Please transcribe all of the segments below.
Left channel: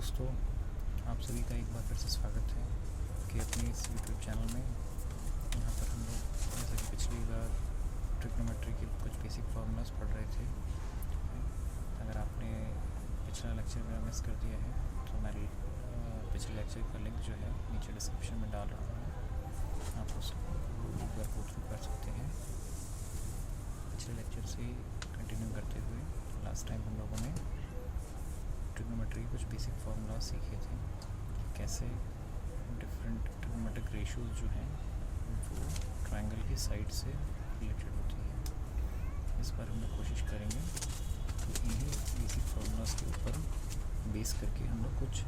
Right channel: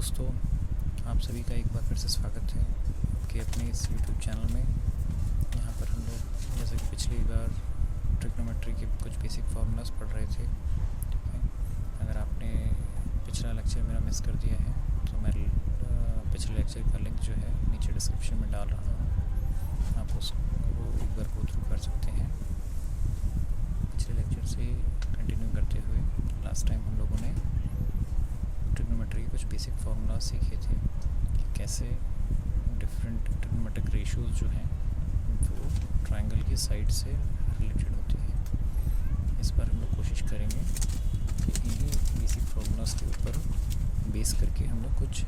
दोस्तों, आप सभी का एक बार फिर से स्वागत है कि अपने इस यूट्यूब चैनल में। यहाँ पर हम लोग जैसे कि पिछली बार ट्रिग्नोमेट्री के कुछ बेसिक फार्मूलाज पढ़ रहे थे। अगर आपने पिछला लेक्चर मेरा मिस कर दिया है तो मैं पिछले लेक्चर का लिंक जो है नीचे डिस्क्रिप्शन में डाल रहा हूँ, आप उसको एक बार गो थ्रू कर सकते हैं। पिछले लेक्चर से कंटिन्यू करते हुए लास्ट टाइम हम लोगों ने ट्रिग्नोमेट्री के कुछ बेसिक फार्मूलाज सीखे थे कि कैसे डिफरेंट ट्रिग्नोमेट्रिक रेशियोज जो हैं वो ट्रायंगल की साइड से रिलेटेड होती हैं। इस बार हम लोग कोशिश करेंगे कि इन्हीं बेसिक फार्मूलाज के ऊपर बेस करके हम लोग कुछ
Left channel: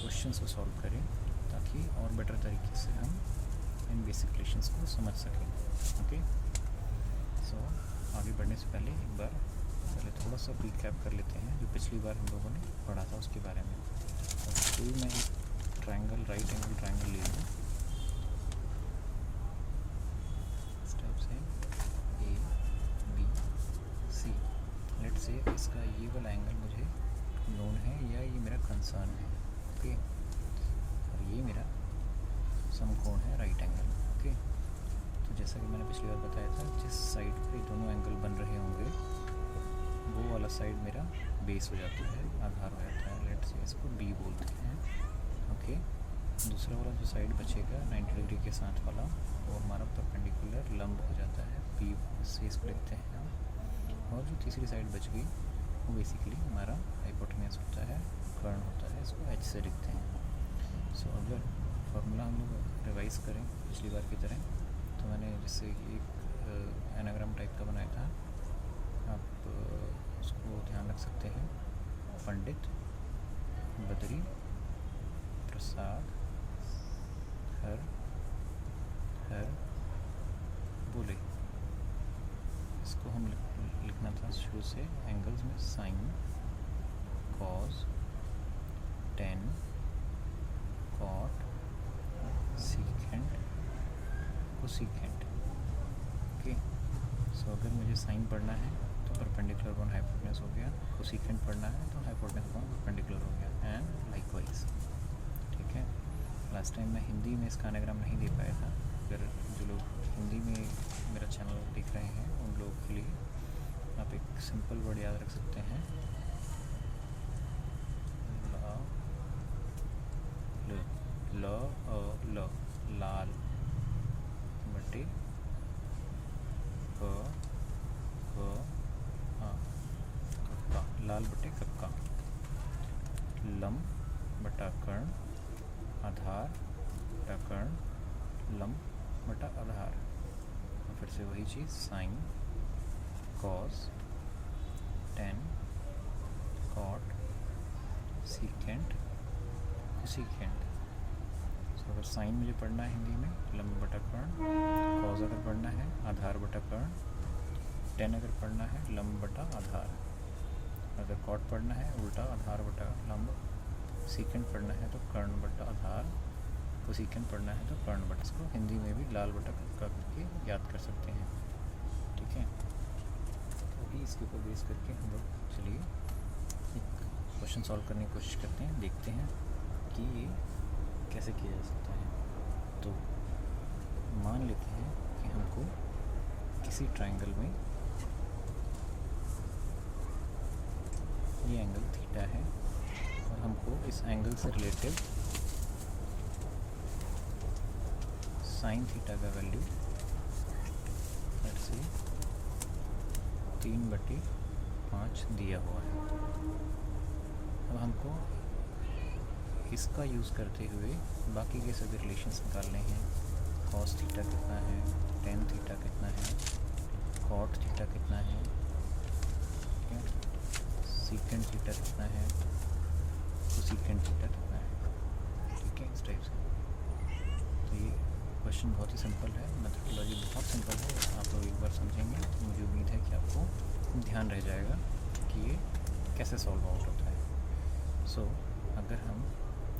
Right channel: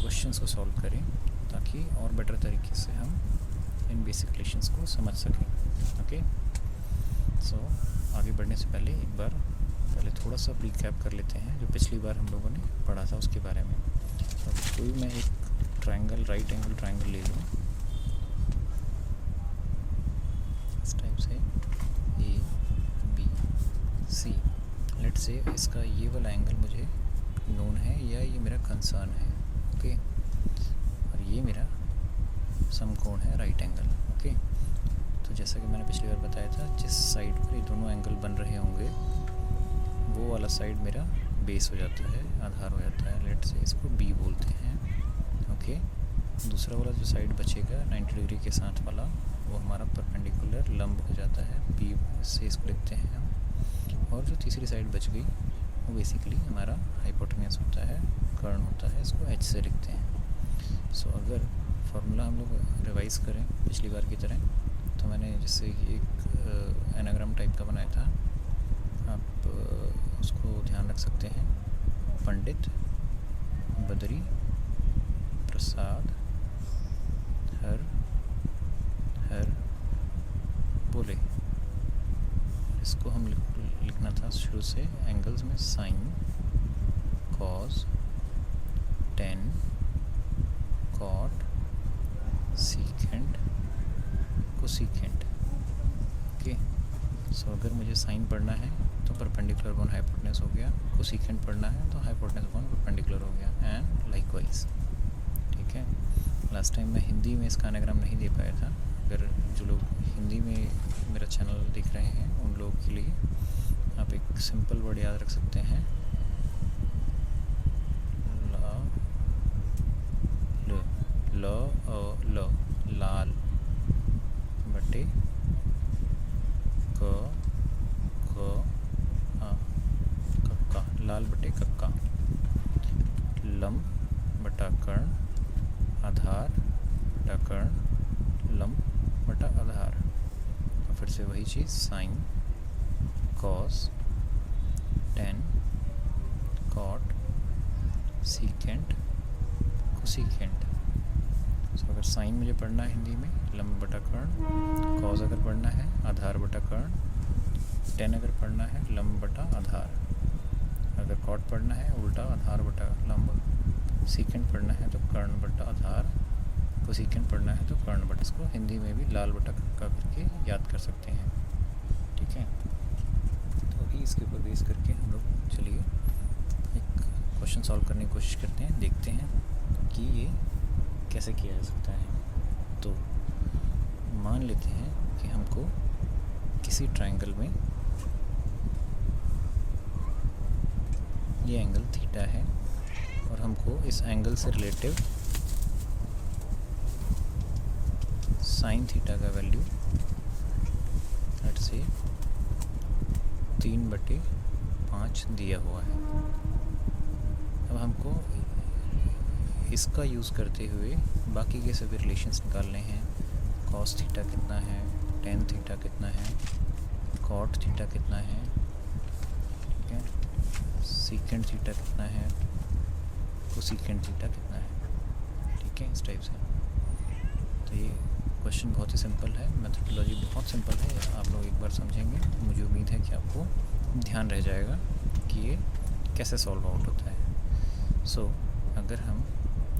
क्वेश्चंस को सॉल्व करें ताकि और बेटर तरीके से हम इन बेसिक रिलेशंस को समझ सकें। ओके, सो आगे बढ़ने से पहले एक बार थोड़ा सा रिकैप कर लेते हैं जो पिछली बार हम लोगों ने पढ़ा था उसके बारे में। तो कोई मैं एक ट्रायंगल, राइट एंगल ट्रायंगल ले लूँ इस टाइप से, ए बी सी। लेट से इसका ये वाला एंगल मुझे नोन है या ये मेरा कंसर्न है। ओके, और ये मेरा समकोण है, राइट एंगल। ओके, तो जैसा कि मैंने पिछली बार बताया था, जिस साइड पर ये दोनों एंगल बन रहे होंगे वो वाला साइड मेरा बेस हो जाता है, आधार हो जाता है। लेट से इसको बी बोलते हैं। ओके, दूसरा वाला जो साइड बचेगा 90 डिग्री के साथ वाला, वो हमारा परपेंडिकुलर लंब हो जाता है, बी से इसको लिखते हैं हम। और जो तीसरी साइड बच गई वो बेसिकली हमारा हाइपोटेन्यूज होता है, कर्ण होता है, इसको एच से लिखते हैं। सो अगर फार्मूला हम लोग रिवाइज़ करें पिछली बार की तरह, तो मैंने जैसे एक एनाग्राम टाइप का बनाया था, आप उसको ध्यान रख सकते हैं। पंडित, बद्री, प्रसाद, हर हर बोले। इसको हम लिखना था शुरू से एंगल्स में, sine, cos, tan, cot, secant, cosecant. Okay, so अगर मुझे साइन पढ़ना है तो परपेंडिकुलर अपॉन हाइपोटेन्यूज हो गया, कोसिकेंट पढ़ना है तो हाइपोटेन्यूज अपॉन परपेंडिकुलर हो गया, एंड लाइकवाइज। ठीक है, लास्ट टाइम मैं हिंदी में इसका एनाग्राम नहीं दे पाया था। अगर जो लोग हिंदी में मेरा चैनल देख रहे हैं उन लोगों के लिए आप एक सिंपल वर्ड याद रख सकते हैं, ल लाल बटे कक्का, लाल बटे कक्का, लंब बटा कर्ण, आधार बटा कर्ण, लंब बटा आधार। और फिर से वही चीज़, sine, cos, tan, cot, secant, cosecant. So अगर साइन मुझे पढ़ना है हिंदी में, लंब बटा कर्ण, कॉस अगर पढ़ना है आधार बटा कर्ण, टेन अगर पढ़ना है लंब बटा आधार, अगर कॉट पढ़ना है उल्टा आधार बटा लंब, सीकेंट पढ़ना है तो कर्ण बटा आधार, कोसीकेंट पढ़ना है तो कर्ण बटा। इसको हिंदी में भी लाल बटा कक्का करके याद कर सकते हैं। ठीक है, तो अभी इसके ऊपर बेस करके हम लोग चलिए एक क्वेश्चन सॉल्व करने की कोशिश करते हैं, देखते हैं कि ये कैसे किया जा सकता है। तो मान लेते हैं कि हमको किसी ट्रायंगल में ये एंगल थीटा है और हमको इस एंगल से रिलेटिव साइन थीटा का वैल्यू लेट से 3/5 दिया हुआ है। अब हमको इसका यूज़ करते हुए बाकी के सभी रिलेशंस निकालने हैं। कॉस थीटा कितना है, टेन थीटा कितना है, कॉट थीटा कितना है, ठीक है, सीकेंट थीटा कितना है, कोसीकेंट थीटा कितना है। ठीक है, इस टाइप से। तो ये क्वेश्चन बहुत ही सिंपल है, मेथडोलॉजी बहुत सिंपल है। आप लोग एक बार समझेंगे, मुझे उम्मीद है कि आपको ध्यान रह जाएगा कि ये कैसे सॉल्व आउट होता है। सो अगर हम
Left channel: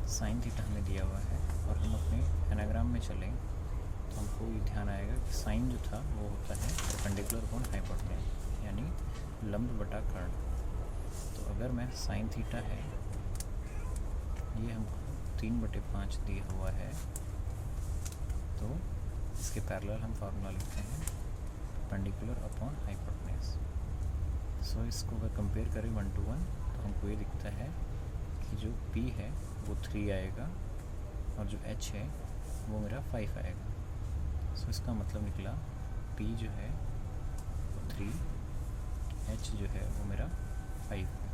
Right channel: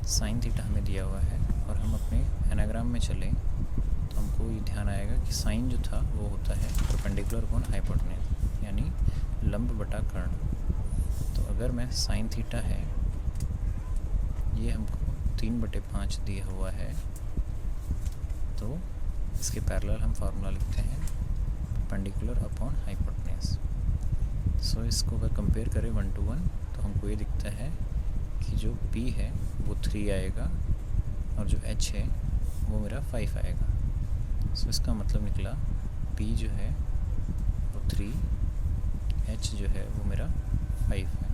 साइन थीटा हमें दिया हुआ है और हम अपने एनाग्राम में चलें तो हमको ये ध्यान आएगा कि साइन जो था वो होता है परपेंडिकुलर अपॉन हाइपोटेन्यूज, यानी लंब बटा कर्ण। तो अगर मैं साइन थीटा है ये हमको 3/5 दिया हुआ है, तो इसके पैरेलल हम फार्मूला लिखते हैं परपेंडिकुलर अपॉन हाइपोटेन्यूज। सो इसको अगर कंपेयर करें 1 to 1 तो हमको ये दिखता है कि जो P है वो 3 आएगा और जो H है वो मेरा 5 आएगा। सो इसका मतलब निकला P जो है वो 3, H जो है वो मेरा 5 है।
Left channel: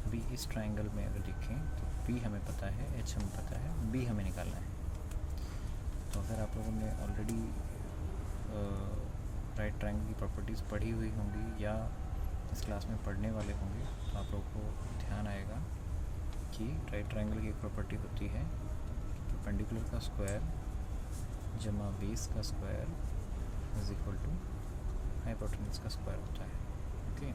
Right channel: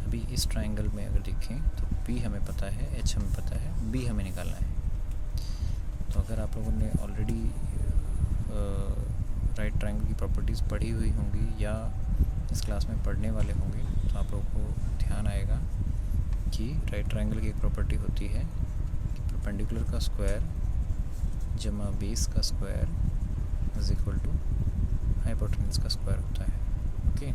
अभी इस ट्राइंगल में अगर देखें तो P हमें पता है, H हमें पता है, B हमें निकालना है। तो अगर आप लोगों ने ऑलरेडी राइट ट्राइंगल की प्रॉपर्टीज़ पढ़ी हुई होंगी या इस क्लास में पढ़ने वाले होंगे तो आप लोगों को ध्यान आएगा कि राइट ट्राइंगल की एक प्रॉपर्टी होती है कि परपेंडिकुलर का स्क्वायर जमा बेस का square is equal to hypotenuse का स्क्वायर होता है। ओके,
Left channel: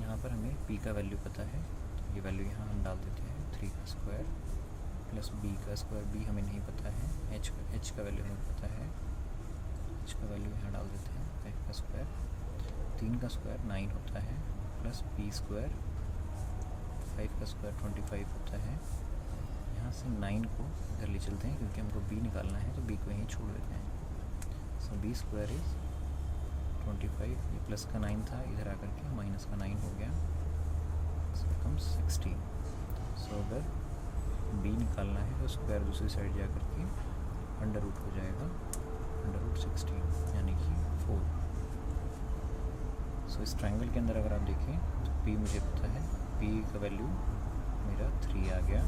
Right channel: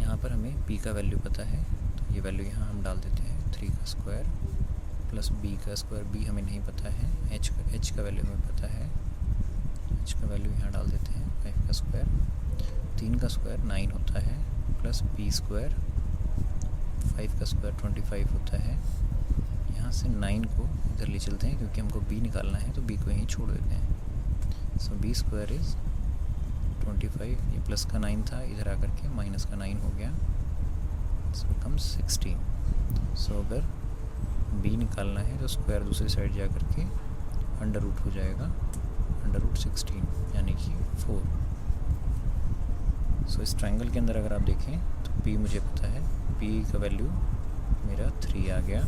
यहाँ पर हमें P का वैल्यू पता है तो ये वैल्यू यहाँ हम डाल देते हैं 3 का स्क्वायर प्लस B का स्क्वायर। B हमें नहीं पता है, H का वैल्यू हमें पता है, H का वैल्यू यहाँ डाल देते हैं 5 का स्क्वायर। 3 का स्क्वायर 9 होता है प्लस B स्क्वायर, 5 का स्क्वायर 25 होता है। यहाँ से 9 को इधर ले चलते हैं क्योंकि हमको B निकालना है तो B को यहीं छोड़ देते हैं। सो B स्क्वायर इज़ 25, ये प्लस का 9 था, इधर आकर के माइनस का 9 हो गया, सो बिकम्स 16। सो अगर B निकालना है तो स्क्वायर दूसरी साइड जा कर के अंडर रूट हो जाएगा, अंडर रूट 16 यानी कि 4। सो इस ट्राइंगल के अंदर अगर आप देखें तो P मुझे पता है, P का वैल्यू मेरा 3 आ गया,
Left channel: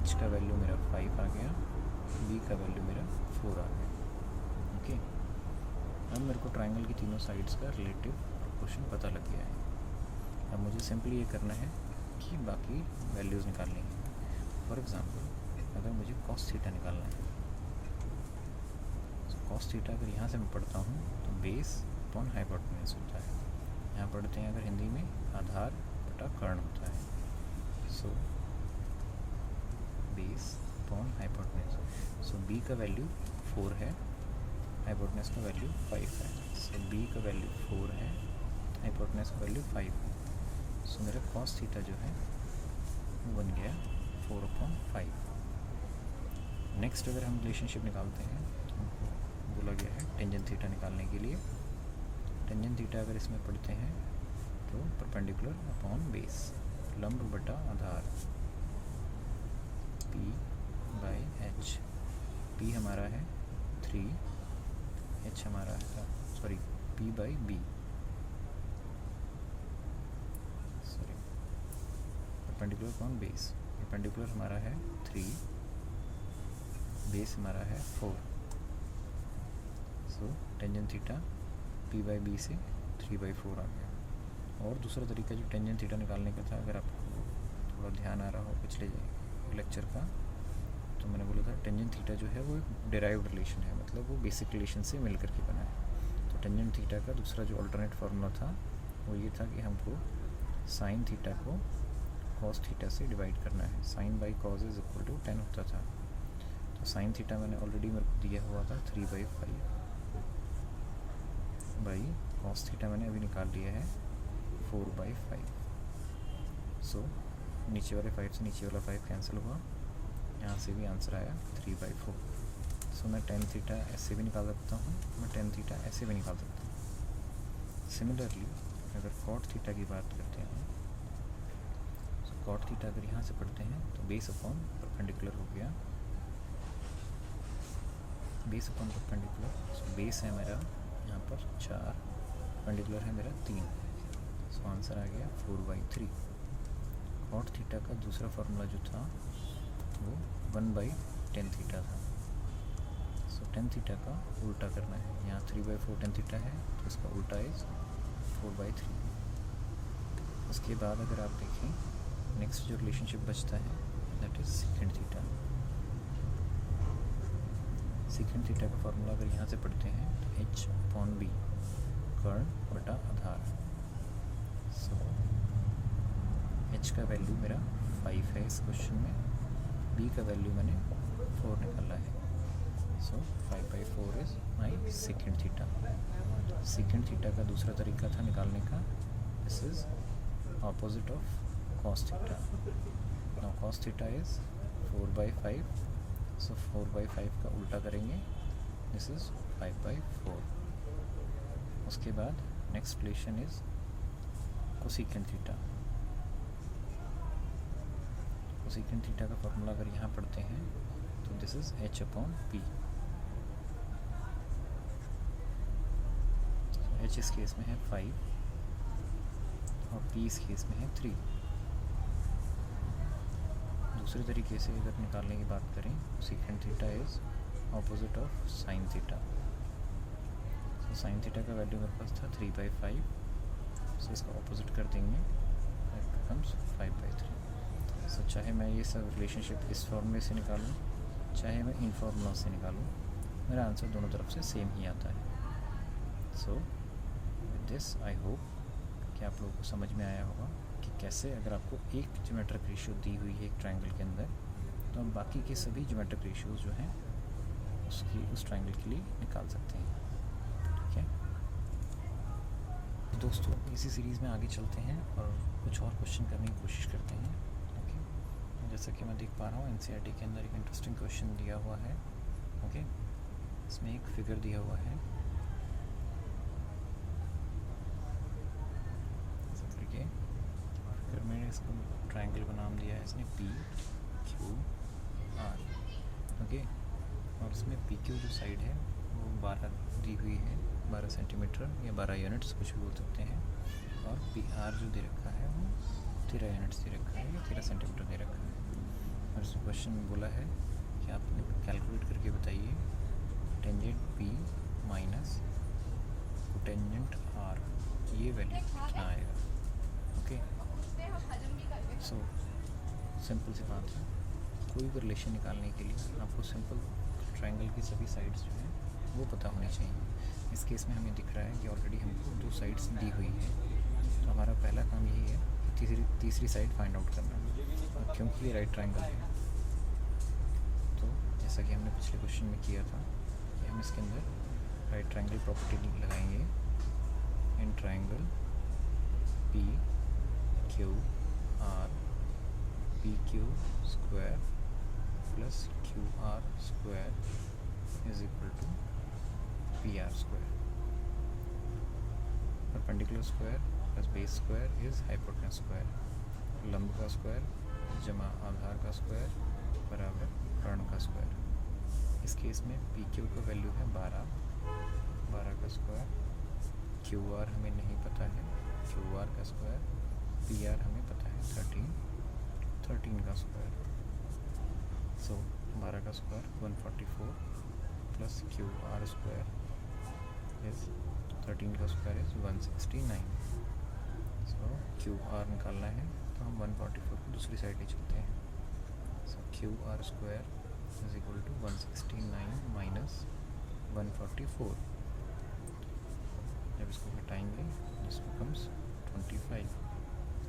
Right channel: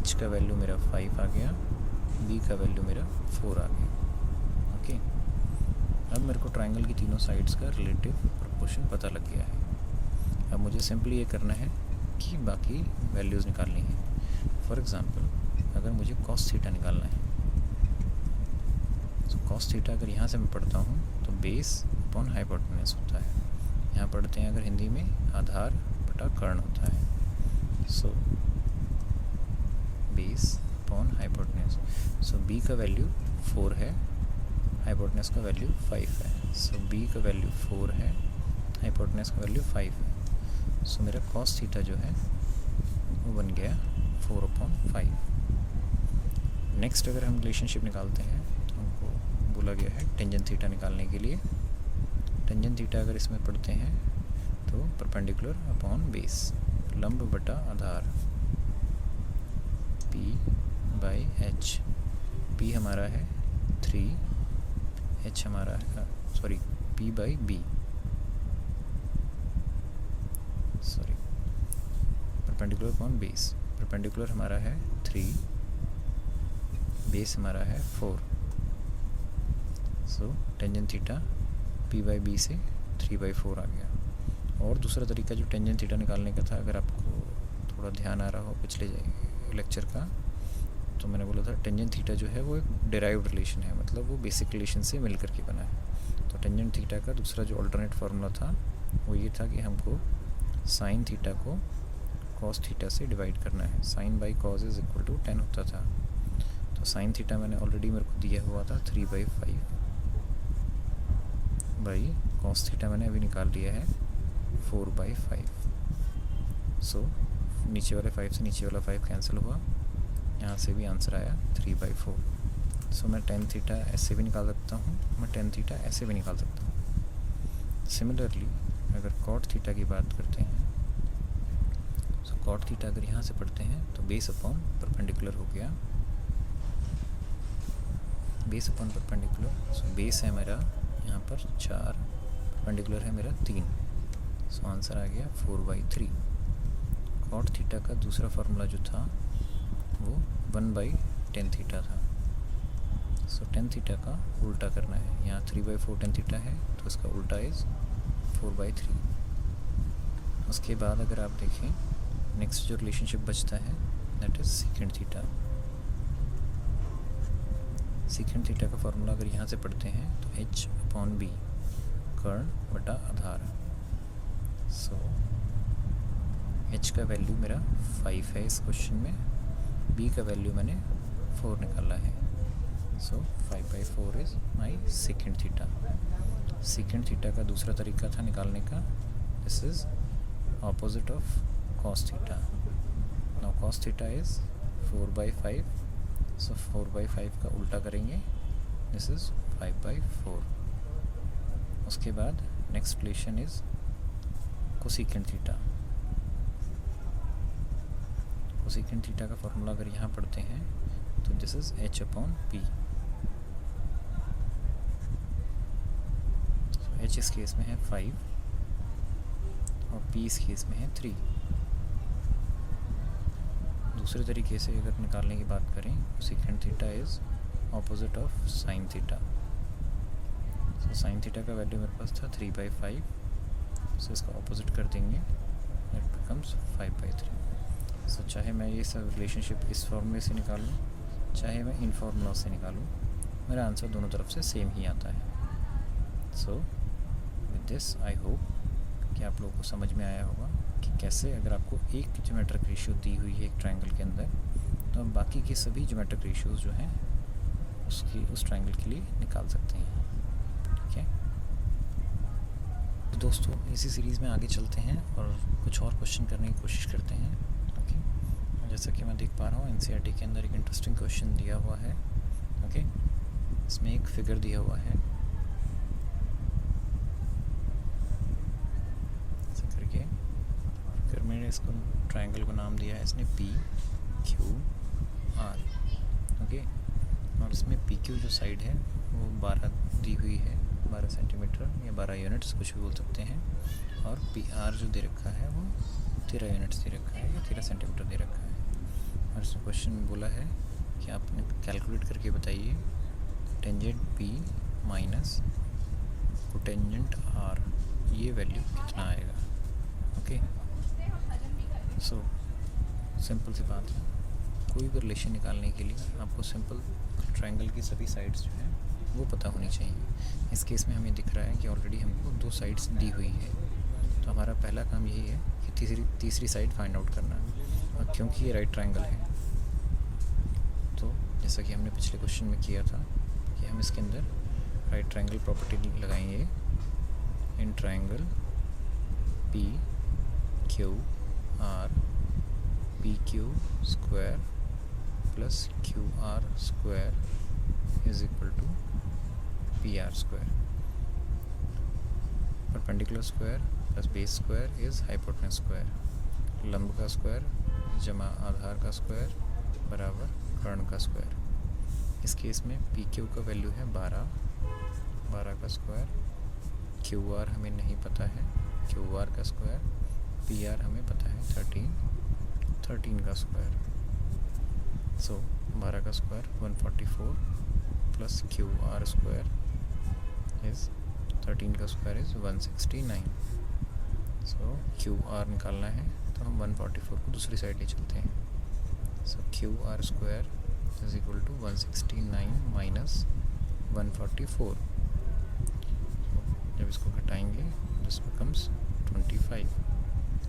H का वैल्यू मेरा 5 आ गया, B का वैल्यू मेरा 4 आ गया। ओके, अब मेरे को ट्राइंगल की तीनों साइड्स का रिलेटिव प्रोपोर्शन पता लग गया है। अब मुझे सिंपली ये करना है कि बाकी वैल्यूज़ निकालनी है। फॉर एग्ज़ाम्पल अगर मुझे कॉस थीटा निकालना है तो कॉस थीटा अगर यहाँ से मैं पढ़ता हूँ तो बेस अपॉन हाइपोटेन्यूज होता है। यहाँ पढ़ते हैं अगर हिंदी में आधार बटा कर्ण होता है। So base upon hypotenuse. So B का वैल्यू 4 है, हाइपोटेन्यूज का वैल्यू 5 है। सो B का वैल्यू 4 है, हाइपोटेन्यूज का वैल्यू 5 है। सो मेरा कॉस थीटा जो है वो बन गया 4/5। नेक्स्ट अगर हम रिलेशनशिप निकालते हैं तो हमको बोला गया है टेंजेंट थीटा निकालने के लिए। टेंजेंट थीटा अगर इसमें पढ़ते हैं तो परपेंडिकुलर अपॉन बेस, लंब बटा आधार, P/H। P हमारा है 3, H हमारा है P/B, sorry perpendicular upon base. Perpendicular हमारा है 3, बेस हमारा है 4। सो टेंजेंट थीटा P/B से 3/4 आ गया। और दूसरा तरीका जो टेंजेंट थीटा निकालने का था, अगर आपको थोड़ा ध्यान आ रहा हो पिछले लेक्चर का, तो मैंने बोला था टेंजेंट थीटा जो है वो एक डिराइव्ड रिलेशन है, मतलब वो बेसिक रिलेशन से मिल करके बना है। तो टेंजेंट थीटा का दूसरा जो अल्टरनेट फार्मूला था वो ये था कि हमको साइन थीटा को कॉस थीटा से डिवाइड करना है। Sine by cos is equal to 10 होता था। तो साइन थीटा मैंने ऑलरेडी मेरे को दिया हुआ था 3/5 बाई कॉस थीटा मैंने अभी निकाल लिया है 4/5। सो नीचे वाले 5 से नीचे वाला 5 कैंसिल हुआ, यहाँ से भी आंसर आया 3/4। सो मैं टेन थीटा ऐसे भी निकाल सकता हूँ, मैं टेन थीटा ऐसे भी निकाल सकता हूँ। सिमिलरली अगर कॉट थीटा की बात करते हैं तो कॉट थीटा अगर यहाँ से पढ़ते हैं तो बेस अपॉन परपेंडिकुलर हो गया, base upon perpendicular. So base है मेरा यहाँ पर 4, परपेंडिकुलर है मेरा 3। सो आंसर आ गया 4/3। कॉट थीटा का दूसरा फार्मूला जो था वो 1/10 थीटा था। सो 10 थीटा का उल्टा करना है, यहाँ 3/4 10 थीटा है तो इसका उल्टा इज़ 4/3। उसके बाद अगर आप देखें नेक्स्ट जो रिलेशनशिप बचता है that is secant theta. Secant theta का फार्मूला अगर यहाँ से पढ़ते हैं तो H/B, कर्ण बटा आधार। सो H का वैल्यू मेरा 5 है इस क्वेश्चन में, B का वैल्यू मैंने 4 निकाला है। सो 5/4 is my secant theta. Secant theta का दूसरा तरीका था निकालने का, this is opposite of cos theta. Now cos theta is 4/5, so 4/5 का उल्टा करेंगे, this is 5/4. उसके बाद next relation is cosecant theta. cosecant theta का फॉर्मूला अगर यहाँ पढ़ते हैं तो this is h/p. h इस केस में है 5 और p इस केस में है 3. दूसरे तरीके से अगर निकालने की बात करें, cosecant theta is opposite of sin theta. तो sin theta का वैल्यू मेरे पास था 3/5, so इसका ऑपोजिट कर देंगे, it becomes 5/3. सो चाहे मैं ये सब रिलेशनशिप इस फॉर्मूले से निकालूँ, चाहे मैं इन फॉर्मूला से निकालूँ, मेरा आंसर दोनों तरफ से सेम ही आता है. So with this I hope कि आप लोगों को समझ में आया होगा कि कैसे अगर आपको एक ज्योमेट्रिक रेशियो दी हुई है एक ट्रायंगल के अंदर, तो हम बाकी के सभी ज्योमेट्रिक रेशियोज़ जो हैं उस ट्रायंगल के लिए निकाल सकते हैं. ठीक है, तो दोस्तों इसी सीरीज़ में आगे चलते हैं और कुछ और क्वेश्चन करने की कोशिश करते हैं. ओके, जैसा कि मैं देख पा रहा हूँ एनसीईआरटी के अंदर एक इंटरेस्टिंग क्वेश्चन दिया हुआ है. ओके, इसमें एक फिगर दिया हुआ है, फिर मैंने इसको ट्रायंगल को नाम दिया है इसने PQR. ओके, और इसमें PQ जो साइड है वो 12 दी हुई है, 12 सेंटीमीटर या 12 यूनिट्स कुछ भी बोल सकते हैं, और PR जो दे रखा है वो 13 यूनिट्स दे रखा है या 13 सेंटीमीटर दे रखा है. और इसमें क्वेश्चन बोला है कि आपने कैलकुलेट करके बताइए tangent P minus cotangent R, ये वैल्यू कितना आएगा. ओके, सो सिंपल सी बात है, कोई भी रिलेशन निकालने के लिए आपको सिंपल ट्रायंगल की सभी साइड्स जो हैं वो पता होनी चाहिए. इस केस में हमें दिख रहा है कि ऑलरेडी हमको 2 साइड्स दी हुई है, तो हमारा पहला काम यही है कि तीसरी साइड फाइंड आउट करना. और क्योंकि ये राइट ट्रायंगल है, तो जैसा कि हमने पिछले क्वेश्चन में किया था कि हम इसके अंदर राइट ट्रायंगल प्रॉपर्टी लगाएंगे in triangle PQR PQ square plus QR square is equal to PR square. Perpendicular square plus base square is hypotenuse square. लंब का स्क्वायर जमा आधार का स्क्वायर बराबर कर्ण का स्क्वायर. इस केस में PQ का वैल्यू है 12 का स्क्वायर. QR हमें नहीं पता है, QR का स्क्वायर. PR हमें पता है 13 का स्क्वायर. सो 12 का square 144 plus QR square is 13 का स्क्वायर इज़ 169. सो QR निकालना है तो हम 144 को दूसरी साइड ले चलते हैं. So QR square is equal to 169 minus 144. जब इसको घटाएंगे this becomes 25.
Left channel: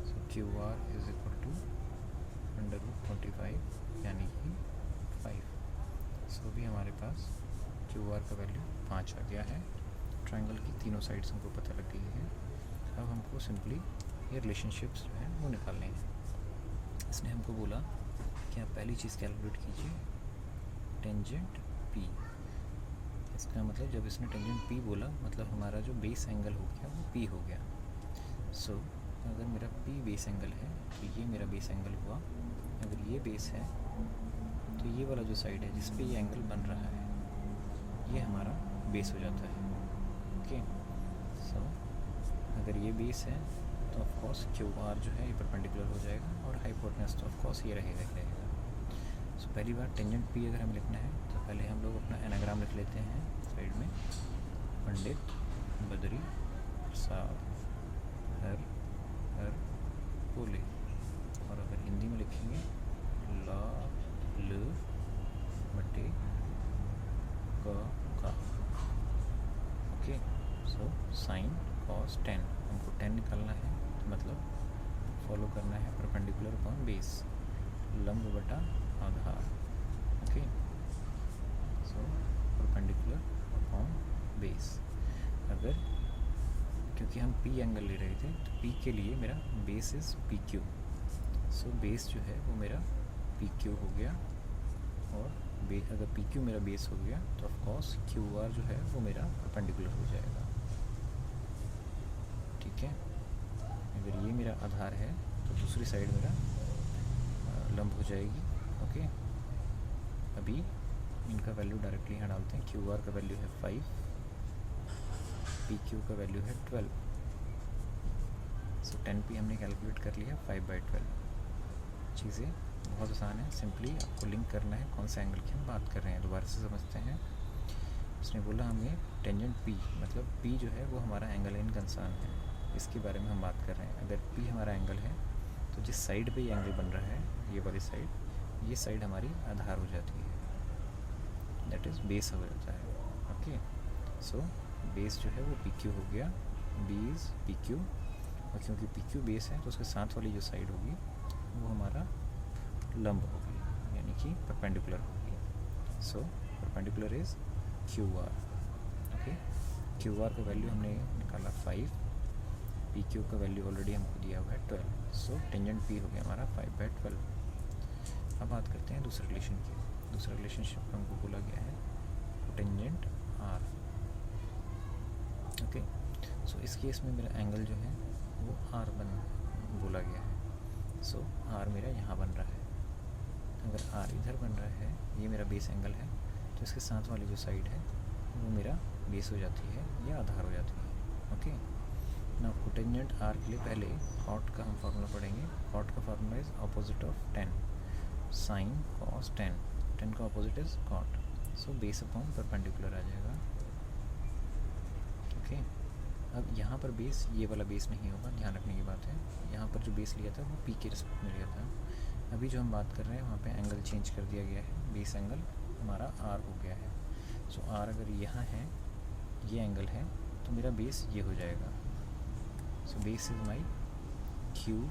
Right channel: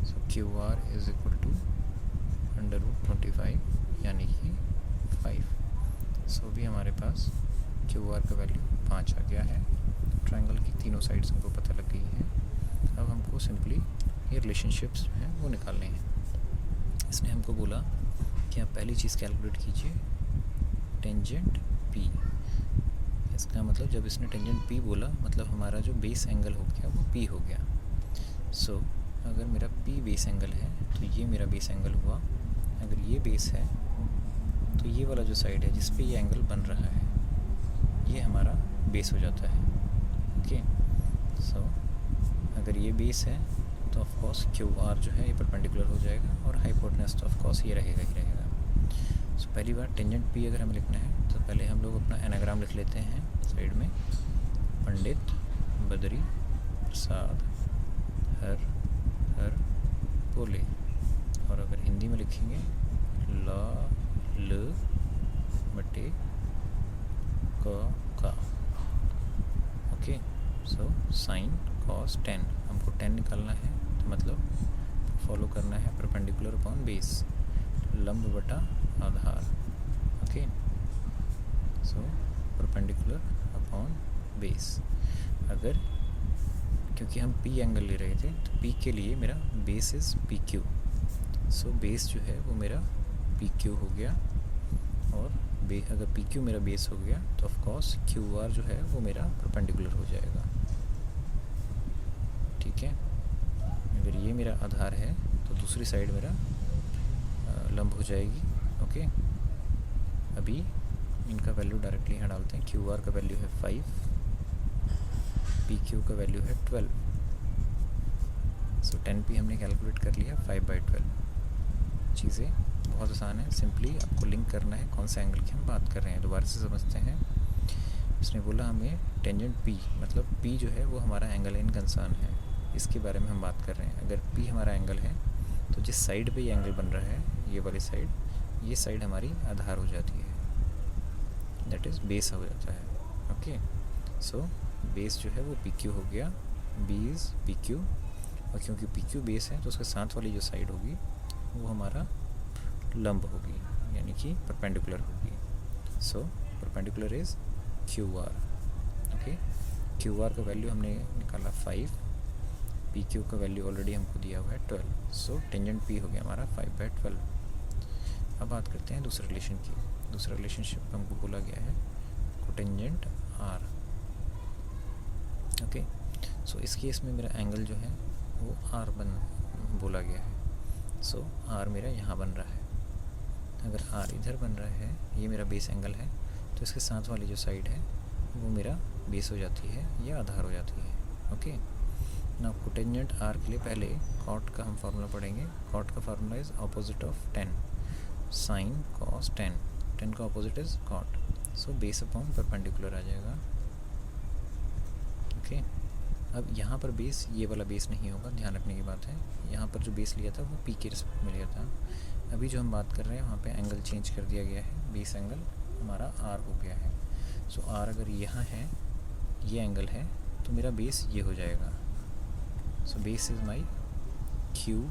So QR is equal to √25 यानी कि 5. सो भी हमारे पास QR का वैल्यू 5 आ गया है. ट्रायंगल की तीनों साइड्स हमको पता लग गई है. अब हमको सिंपली ये रिलेशनशिप्स जो हैं वो निकालने हैं. इसने हमको बोला कि आप पहली चीज़ कैलकुलेट कीजिए टेंजेंट P. इसका मतलब जब इसने टेंजेंट P बोला मतलब हमारा जो बेस एंगल हो गया वो P हो गया. सो अगर मेरा P बेस एंगल है तो ये मेरा बेस एंगल हुआ. अगर ये बेस है तो ये वाला जो साइड है जिस पे ये एंगल बन रहा है ये हमारा बेस हो जाता है. ओके, सो अगर ये बेस है तो ऑफ कोर्स QR जो है ये परपेंडिकुलर हो जाएगा और हाइपोटेन्यूज तो ऑफ कोर्स ये रहेगा ही रहेगा. सो पहली बार टेंजेंट P अगर हमें लिखना है तो पहले हम लोग अपना एनाग्राम लिख लेते हैं साइड में. पंडित बद्री प्रसाद हर हर बोले. और अगर हिंदी में लिखेंगे ला ल बटे का. ओके, सो साइन कॉस 10 हमको 10 निकालना है तो मतलब फॉलो करना है परपेंडिकुलर अपॉन बेस, लंब बटा आधार. Okay, so perpendicular upon base. अगर क्योंकि हम पी एंगल ले रहे थे, तो पी के लिए मेरा base is P Q. So base जो है वो मेरा पी क्यू हो गया, और अगर पी क्यू मेरा बेस हो गया तो ऑफ कोर्स क्यू आर जो है वो मेरा परपेंडिकुलर हो जाएगा। ठीक है, अगर ये मेरा आधार है तो दूसरी साइड मेरा लंब हो जाएगी। ओके, अभी इनका वैल्यू डायरेक्टली यहाँ डालते हैं। क्यू आर का वैल्यू है 5, पी क्यू का वैल्यू है 12। सो 10p हमने कैलकुलेट कर लिया 5/12। चीज़ें बहुत आसान है, सिंपली आपको लिंक करना है कौन से एंगल की हम बात कर रहे हैं। दोबारा से समझते हैं। उसने बोला हमें टेंजेंट p, मतलब p जो है वो हमारा एंगल इन कंसर्न है, इसके बारे में हम बात कर रहे हैं। अगर p हमारा एंगल है तो जिस साइड पे ये एंगल बन रहा है, ये वाली साइड, ये साइड हमारी आधार हो जाती है, दैट इज़ बेस हो जाता है। ओके, सो बेस जो है वो पी क्यू हो गया, बी इज़ पी क्यू, और क्योंकि पी क्यू बेस है तो उसके साथ वाली जो साइड होगी वो हमारा लंब होगी, यानी कि परपेंडिकुलर होगी। So perpendicular is Q R. Okay, Q R का वैल्यू हमने निकाला 5, पी क्यू का वैल्यू ऑलरेडी हमको दिया हुआ है 12। सो टेंजेंट पी हो गया हमारा 5/12। अब बात करते हैं दूसरे रिलेशन की। दूसरा रिलेशनशिप हमको बोला गया है कोटेंजेंट आर। ओके, सो इस केस में मेरा एंगल जो है वो आर बोला गया है। सो आर मेरा यहाँ बन रहा है। अगर आर इधर बन रहा है, ये मेरा बेस एंगल है, तो इसके साथ वाली जो साइड है वो मेरा बेस हो जाती है या आधार हो जाती है। ओके, ना कोटेंजेंट आर के लिए पहले कॉट का हम फार्मूला पढ़ेंगे। कॉट का formula is opposite of tan, sine cos tan, tan का opposite is cot. So base upon perpendicular आ जाएगा। ओके, अब यहाँ पर बेस, ये वाला बेस नहीं होगा, ध्यान रखने की बात है। यहाँ पर जो बेस लिया था वो पी के रिस्पेक्ट में लिया था। अभी जो हम बात कर रहे हैं वहाँ पे एंगल चेंज कर दिया गया है, बेस एंगल हमारा आर हो गया है। सो आर अगर यहाँ है, ये एंगल है, तो मेरा बेस ये हो जाएगा। So base is my Q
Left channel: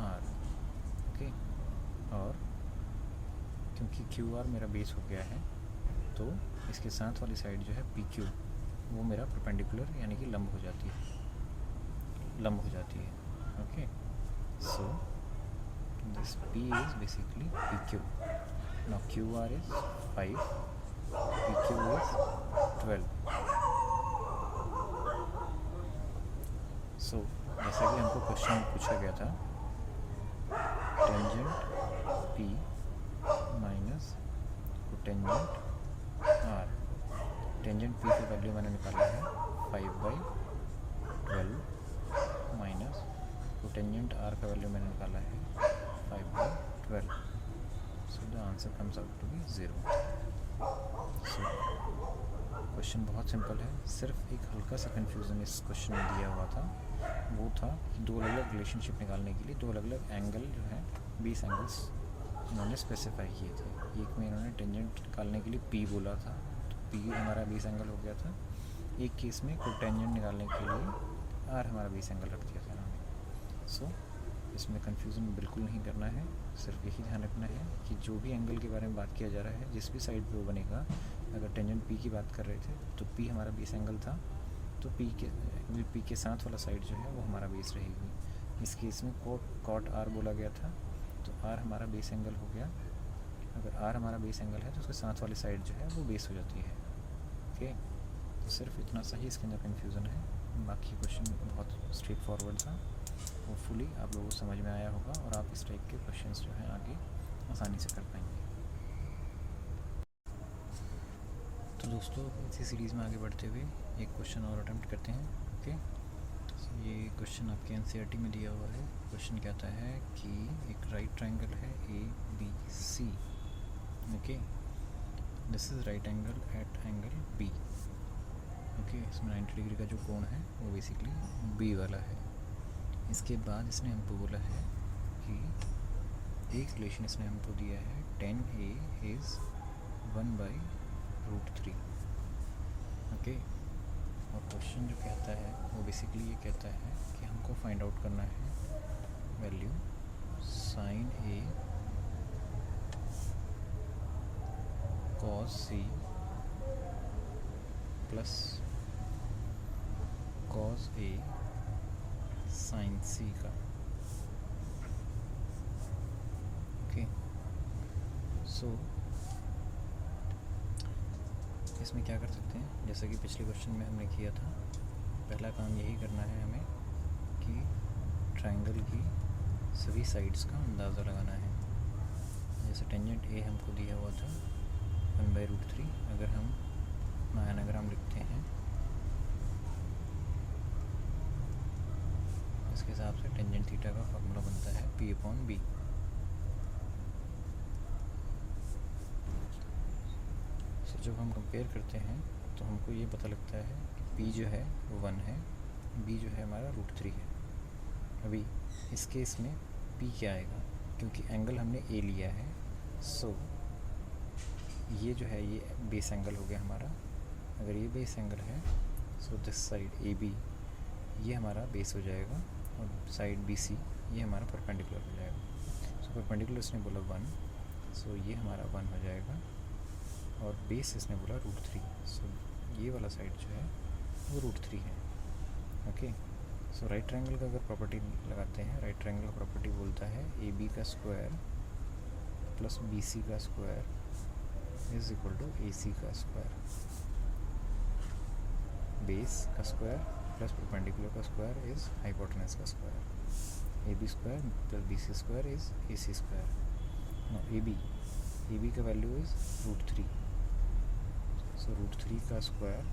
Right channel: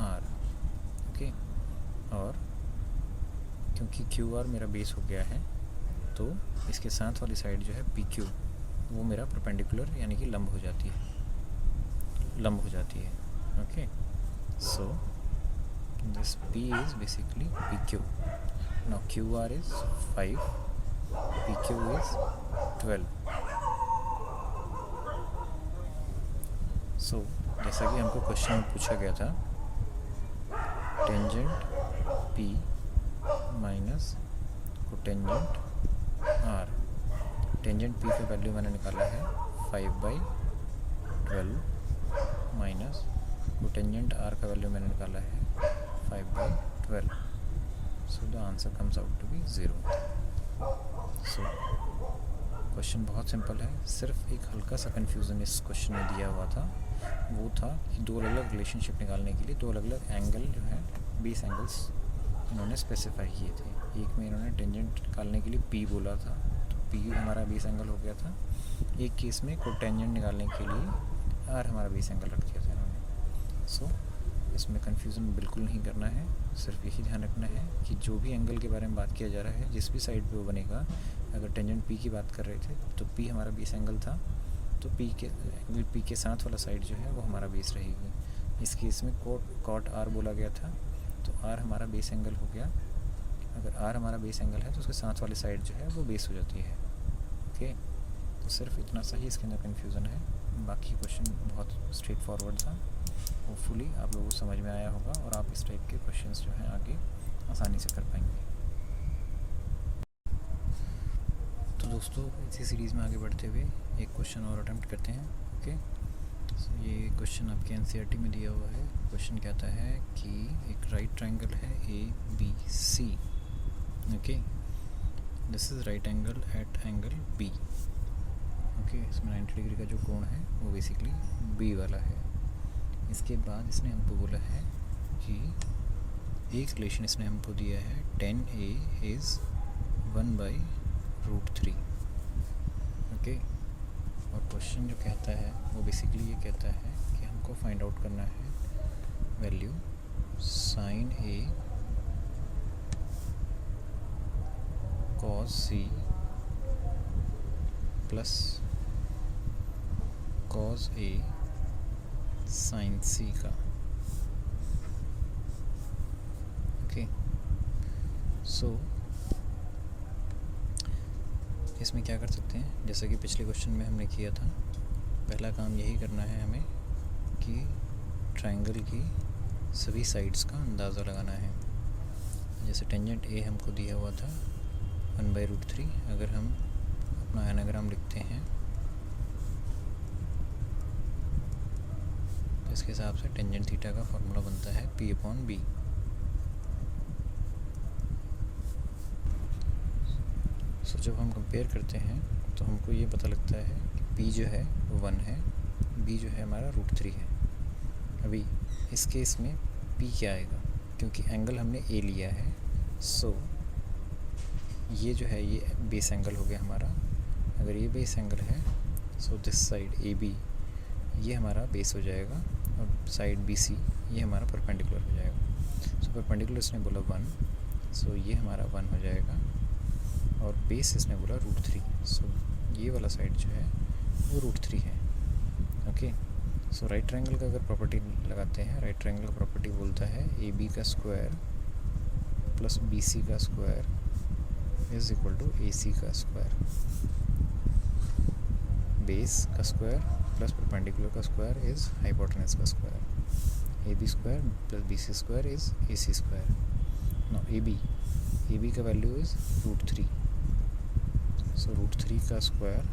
R. Okay, और क्योंकि क्यू आर मेरा बेस हो गया है तो इसके साथ वाली साइड जो है पी क्यू, वो मेरा परपेंडिकुलर यानी कि लंब हो जाती है, लंब हो जाती है। Okay, so this P is basically PQ. Now QR is 5, PQ is 12. So जैसा कि हमको क्वेश्चन में पूछा गया था, tangent P minus cotangent R। Tangent P का वैल्यू मैंने निकाला है 5/12 माइनस कोटेंजेंट R का वैल्यू मैंने निकाला है 5/12। So the answer comes out to be 0. So question बहुत सिंपल है, सिर्फ एक हल्का सा कन्फ्यूज़न इस क्वेश्चन में दिया हुआ था। वो था कि दो अलग अलग रिलेशनशिप निकालने के लिए दो अलग अलग एंगल जो है, बेस एंगल्स उन्होंने स्पेसिफाई किए थे। एक में इन्होंने टेंजेंट निकालने के लिए P बोला था, तो P हमारा बेस एंगल हो गया था। एक केस में कोटेंजेंट निकालने के लिए R हमारा बेस एंगल रख दिया था इन्होंने। सो इसमें कन्फ्यूज़न बिल्कुल नहीं करना है, सिर्फ यही ध्यान रखना है कि जो भी एंगल के बारे में बात किया जा रहा है, जिस भी साइड पे वो बनेगा, अगर टेंजेंट P की बात कर रहे थे तो P हमारा बेस एंगल था, तो P के साथ वाला साइड जो है वो हमारा बेस रहेगी। इस केस में कॉट R बोला गया था, तो R हमारा बेस एंगल हो गया। अगर R हमारा बेस एंगल है तो उसके साथ वाली साइड जो है वो बेस हो जाती है। ओके, तो सिर्फ इतना सा ही इसके अंदर कन्फ्यूज़न है, बाकी क्वेश्चन बहुत स्ट्रेट फॉरवर्ड था। होपफुली आप लोगों को समझ में आया होगा और आप इस टाइप के क्वेश्चंस जो हैं आगे आसानी से कर पाएंगे। तो दोस्तों, इसी सीरीज़ में आगे बढ़ते हुए एक क्वेश्चन और अटेम्प्ट करते हैं। ओके, तो ये क्वेश्चन आपके एनसीईआरटी में दिया हुआ है। क्वेश्चन कहता है कि एक राइट ट्रायंगल है ABC। Okay, this is right angle at angle B। Okay, इसमें 90 डिग्री का जो कोण है वो बेसिकली B वाला है। इसके बाद इसने हमको बोला है कि एक रिलेशन इसने हमको दिया है 10A इज़ 1/√3। ओके, और क्वेश्चन जो कहता है वो बेसिकली ये कहता है कि हमको फाइंड आउट करना है value sine A cos C plus cos A sine C का। ओके, सो इसमें क्या कर सकते हैं, जैसा कि पिछले क्वेश्चन में हमने किया था, पहला काम यही करना है हमें कि ट्रायंगल की सभी साइड्स का अंदाज़ा लगाना है। जैसे टेंजेंट ए हमको दिया हुआ था 1/√3, अगर हम अपना एनाग्राम लिखते हैं तो इसके हिसाब से टेंजेंट थीटा का फॉर्मूला बनता है P/B। सो जब हम कंपेयर करते हैं तो हमको ये पता लगता है कि P जो है वो 1 है, B जो है हमारा √3 है। अभी इस केस में P क्या आएगा, क्योंकि एंगल हमने A लिया है, सो ये जो है ये बेस एंगल हो गया हमारा। अगर ये बेस एंगल है सो दिस साइड AB ये हमारा बेस हो जाएगा, और साइड BC ये हमारा परपेंडिकुलर हो जाएगा। सो परपेंडिकुलर इसने बोला 1, सो ये हमारा 1 हो जाएगा, और बेस इसने बोला √3, सो ये वाला साइड जो है वो √3 है। ओके, सो राइट ट्रायंगल का अगर प्रॉपर्टी लगाते हैं, राइट ट्रायंगल का प्रॉपर्टी बोलता है AB का स्क्वायर प्लस BC का square is equal to AC का स्क्वायर। बेस का स्क्वायर प्लस परपेंडिकुलर का स्क्वायर इज हाइपोटेनस का square. AB square plus BC square is AC square. Now AB का वैल्यू इज √3, सो √3 का square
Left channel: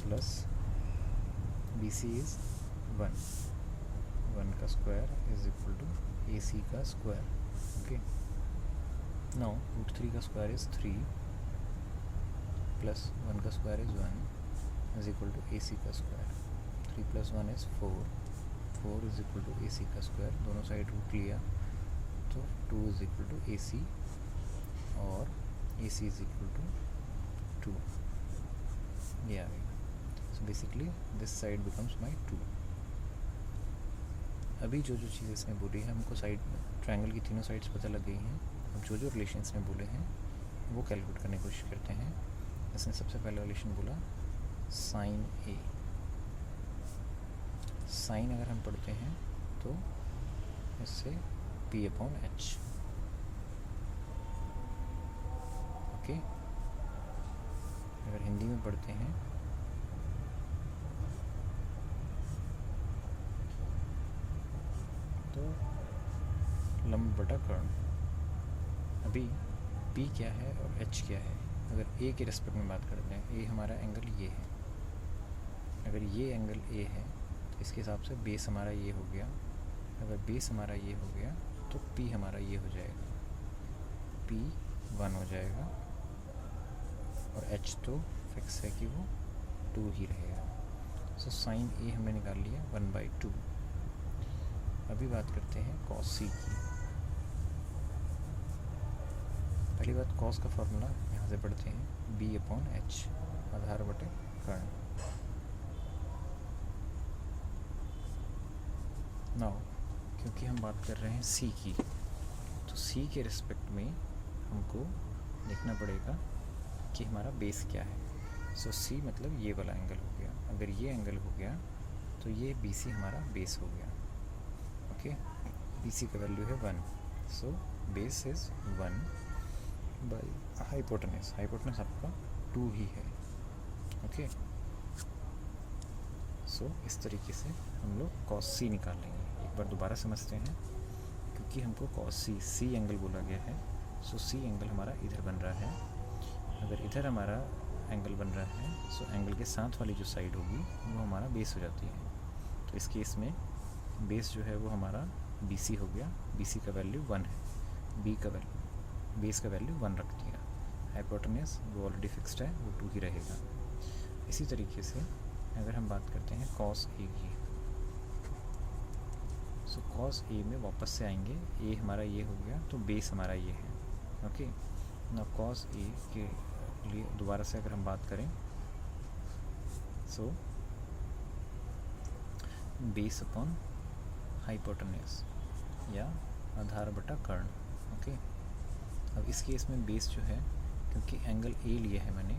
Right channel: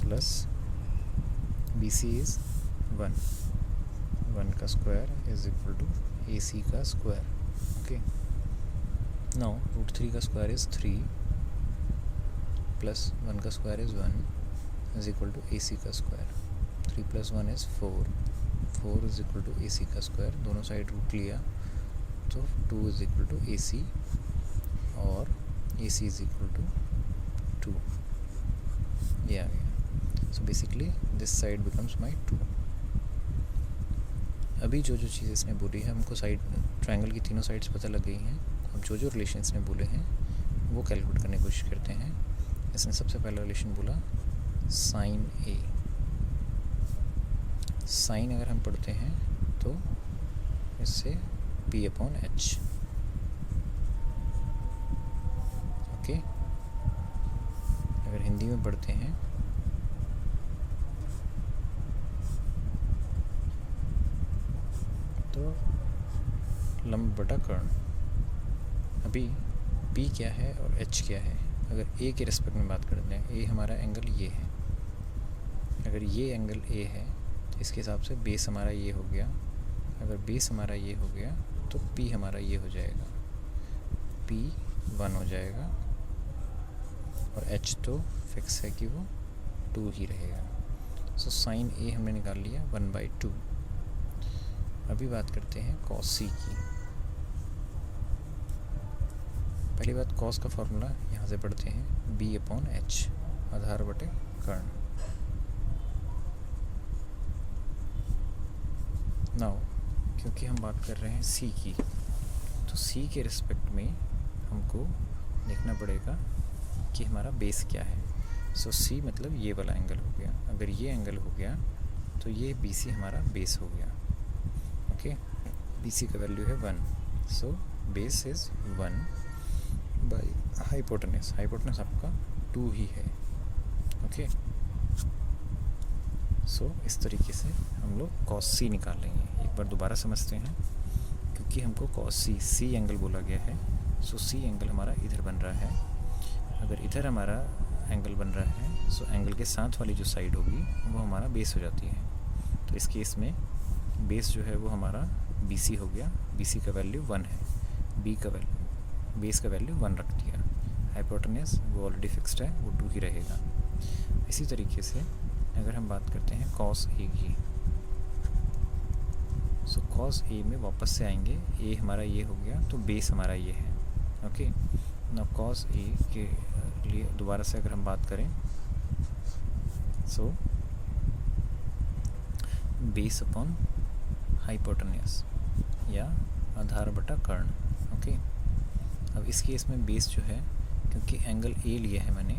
plus BC is 1 का square is equal to AC का square. Okay, now √3 का square is 3 plus 1 का square is 1 is equal to AC का square. 3 plus 1 is 4 is equal to AC का square. दोनों side root लिया तो 2 is equal to AC, और AC is equal to 2, ये आ गया। So basically this side becomes my 2। अभी जो चीज़ इसने बोली है हमको साइड ट्रायंगल की तीनों साइड्स पता लग गई हैं। अब जो रिलेशन इसने बोले हैं वो कैलकुलेट करने की कोशिश करते हैं। इसने सबसे पहला रिलेशन बोला साइन A। साइन अगर हम पढ़ते हैं तो इससे P/H। ओके, अगर हिंदी में पढ़ते हैं तो लंब बटा कर्ण। अभी P क्या है और H क्या है, अगर A के रिस्पेक्ट में बात करते हैं, A हमारा एंगल ये है, अगर ये एंगल A है तो इसके हिसाब से बेस हमारा ये हो गया। अगर बेस हमारा ये हो गया तो P हमारा ये हो जाएगा, P 1 हो जाएगा, और H तो फिक्स है कि वो 2 ही रहेगा। सो साइन A हमने निकाल लिया 1/2। अभी बात करते हैं cos C की। पहली बात cos का फॉर्मूला यहाँ से पढ़ते हैं B/H, आधार बटे कर्ण। नाउ क्योंकि हम बात कर रहे हैं C की, तो C के रिस्पेक्ट में हमको देखना पड़ेगा कि हमारा बेस क्या है। सो C मतलब ये वाला एंगल हो गया। अगर ये एंगल हो गया तो ये BC हमारा बेस हो गया। ओके, BC का वैल्यू है 1, so base is 1 by hypotenuse. Hypotenuse आपका 2 ही है। ओके, सो इस तरीके से हम लोग cos C निकाल लेंगे। एक बार दोबारा समझते हैं, क्योंकि हमको cos C एंगल बोला गया है, सो C एंगल हमारा इधर बन रहा है। अगर इधर हमारा एंगल बन रहा है सो एंगल के साथ वाली जो साइड होगी वो हमारा बेस हो जाती है। तो इस केस में बेस जो है वो हमारा BC हो गया। BC का वैल्यू 1 है, बेस का वैल्यू 1 रख दिया। हाइपोटेनस वो ऑलरेडी फिक्स्ड है, वो 2 ही रहेगा। इसी तरीके से अगर हम बात करते हैं cos A की, सो cos A में वापस से आएंगे। A हमारा ये हो गया तो बेस हमारा ये है। ओके, ना cos A के लिए दोबारा से अगर हम बात करें, सो बेस अपॉन हाइपोटेनस या आधार बटा कर्ण। ओके, अब इस केस में बेस जो है, क्योंकि एंगल A लिया है मैंने,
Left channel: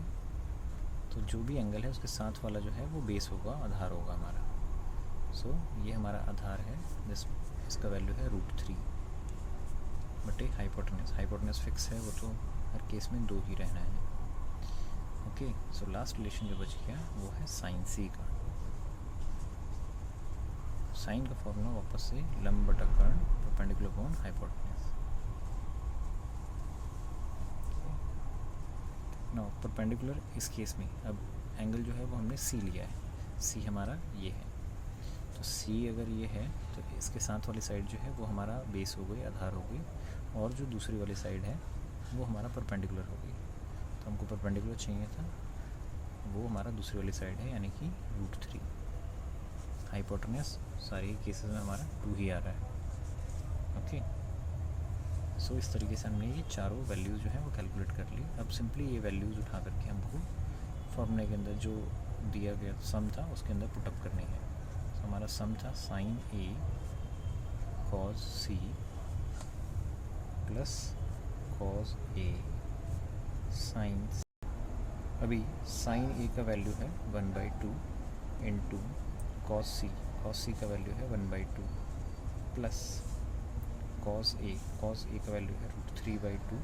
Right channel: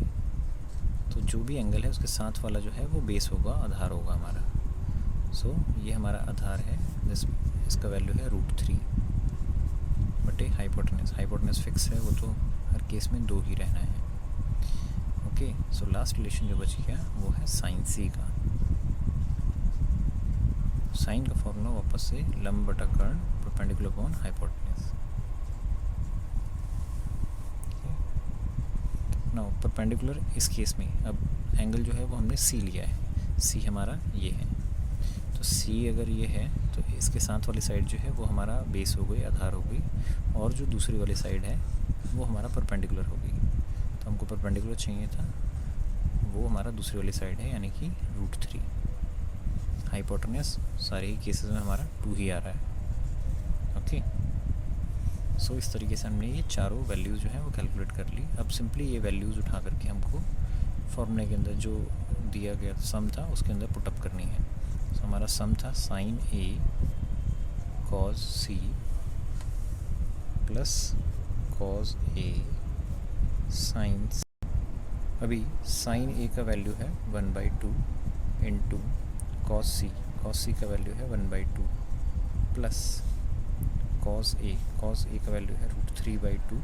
तो जो भी एंगल है उसके साथ वाला जो है वो बेस होगा, आधार होगा हमारा। सो ये हमारा आधार है, इसका वैल्यू है √3 बटे हाइपोटेनस। हाइपोटेनस फिक्स है, वो तो हर केस में 2 ही रहना है। ओके, सो लास्ट रिलेशन जो बच गया वो है साइन सी का। साइन का फॉर्मूला वापस से लंब बटा कर्ण perpendicular upon hypotenuse. Now perpendicular इस केस में अब एंगल जो है वो हमने सी लिया है, सी हमारा ये है। तो सी अगर ये है तो इसके साथ वाली साइड जो है वो हमारा बेस हो गई, आधार हो गई, और जो दूसरी वाली साइड है वो हमारा परपेंडिकुलर हो गई। तो हमको परपेंडिकुलर चाहिए था, वो हमारा दूसरी वाली साइड है, यानी कि √3। हाइपोटेनस सारे ही केसेस में हमारा 2 ही आ रहा है। ओके, सो इस तरीके से हमने ये चारों वैल्यूज़ जो है वो कैलकुलेट कर ली। अब सिंपली ये वैल्यूज़ उठा करके हमको फॉर्मूले के अंदर जो दिया गया सम था उसके अंदर पुटअप करनी है। सो हमारा सम था sign A cos C plus cos A sign. अभी साइन ए का वैल्यू है 1/2 इंटू कॉस सी का वैल्यू है 1/2 प्लस कॉस ए का वैल्यू है √3/2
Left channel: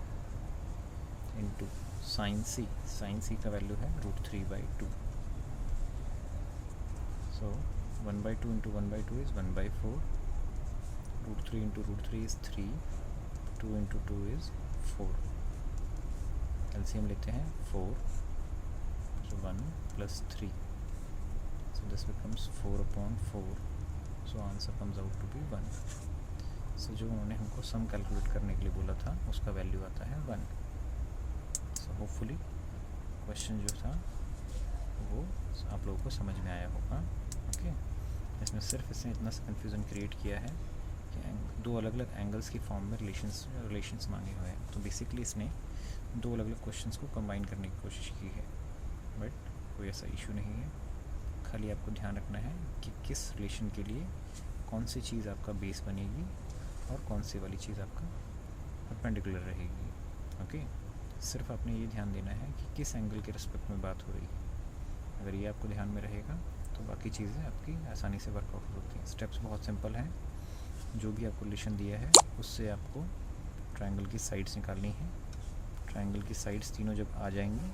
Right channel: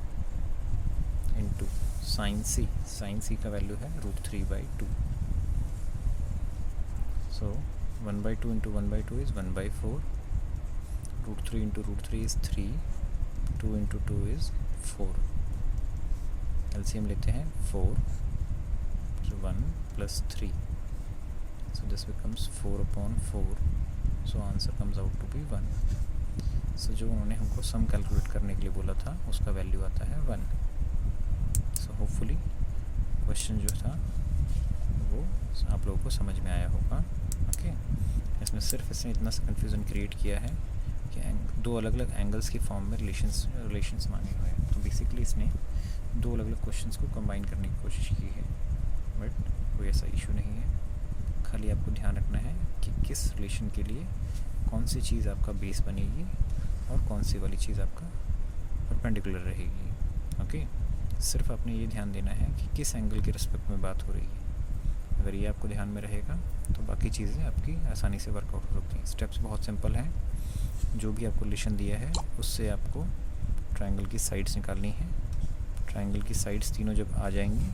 इंटू साइन सी का वैल्यू है √3/2। सो 1/2 into 1/2 is 1/4, √3 into √3 is 3, 2 into 2 is 4। LCM लेते हैं 4, so 1 plus 3, so this becomes 4/4, so answer comes out to be 1। so जो उन्होंने हमको सम कैलकुलेट करने के लिए बोला था उसका वैल्यू आता है 1। so hopefully क्वेश्चन जो था वो आप लोगों को समझ में आया होगा। ओके, इसमें सिर्फ इसने इतना सा कन्फ्यूज़न क्रिएट किया है कि 2 अलग अलग एंगल्स की फॉर्म में रिलेशंस मांगे हुए हैं। तो बेसिकली इसने 2 अलग अलग क्वेश्चंस को कंबाइन करने की कोशिश की है, बट कोई ऐसा इशू नहीं है। खाली आपको ध्यान रखना है कि किस रिलेशन के लिए कौन सी चीज़ आपका बेस बनेगी और कौन सी वाली चीज़ आपका परपेंडिकुलर रहेगी। ओके, सिर्फ आपने ये ध्यान देना है कि किस एंगल के रिस्पेक्ट में बात हो रही है। अगर ये आपको ध्यान में रहेगा तो बाकी चीज़ें आपकी आसानी से वर्कआउट हो सकती हैं। स्टेप्स बहुत सिंपल हैं। जो भी आपको रिलेशन दिया है उससे आपको ट्रायंगल की साइड्स निकालनी है। ट्रायंगल की साइड्स तीनों जब आ जाएंगी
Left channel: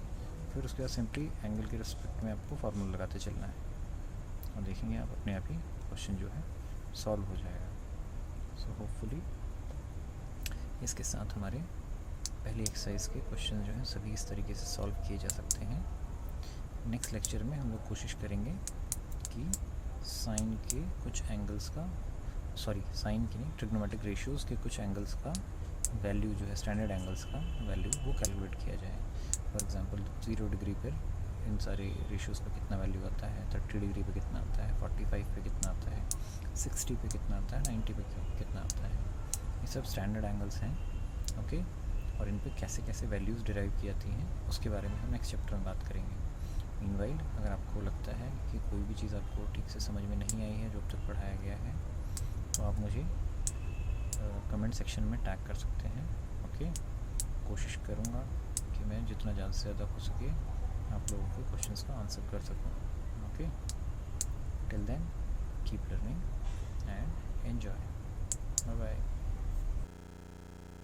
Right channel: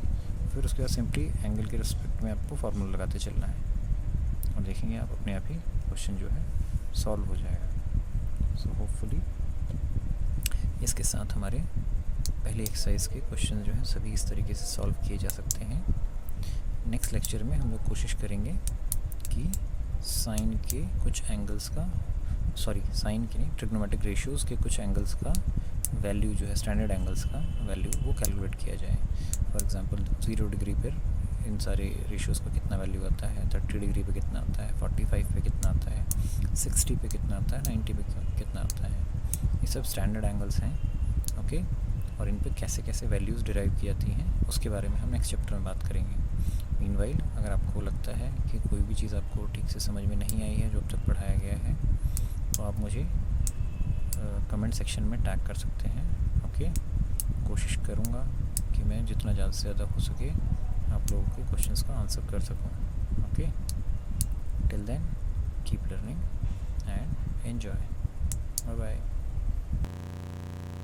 फिर उसके बाद सिंपली एंगल के रिस्पेक्ट में आपको फार्मूला लगाते चलना है और देखेंगे आप अपने आप ही क्वेश्चन जो है सॉल्व हो जाएगा। सो होपफुली इसके साथ हमारे पहले एक्सरसाइज के क्वेश्चन जो हैं सभी इस तरीके से सॉल्व किए जा सकते हैं। नेक्स्ट लेक्चर में हम लोग कोशिश करेंगे कि साइन के कुछ एंगल्स का साइन के नहीं, ट्रिग्नोमेट्रिक रेशियोज़ के कुछ एंगल्स का वैल्यू जो है, स्टैंडर्ड एंगल्स का वैल्यू वो कैलकुलेट किया जाए। फॉर एग्जांपल 0 डिग्री पर इन सारे रेशियोज़ का कितना वैल्यू आता है, 30 डिग्री पे कितना आता है, 45 पे कितना आता है, 60 पे कितना आता है, 90 पे कितना आता है। ये सब स्टैंडर्ड एंगल्स हैं। ओके, और इन पे कैसे कैसे वैल्यूज़ डिराइव की जाती हैं उसके बारे में हम नेक्स्ट चैप्टर में बात करेंगे। मीनवाइल अगर आपको लगता है कि कोई भी चीज़ आपको ठीक से समझ में नहीं आई है जो अब तक पढ़ाया गया है तो आप मुझे कमेंट सेक्शन में टैग कर सकते हैं। ओके, कोशिश करूँगा कि मैं जितना ज़्यादा से ज़्यादा हो सके आप लोगों के क्वेश्चंस का आंसर कर सकूँ। Okay, till then keep learning and enjoy. Bye bye.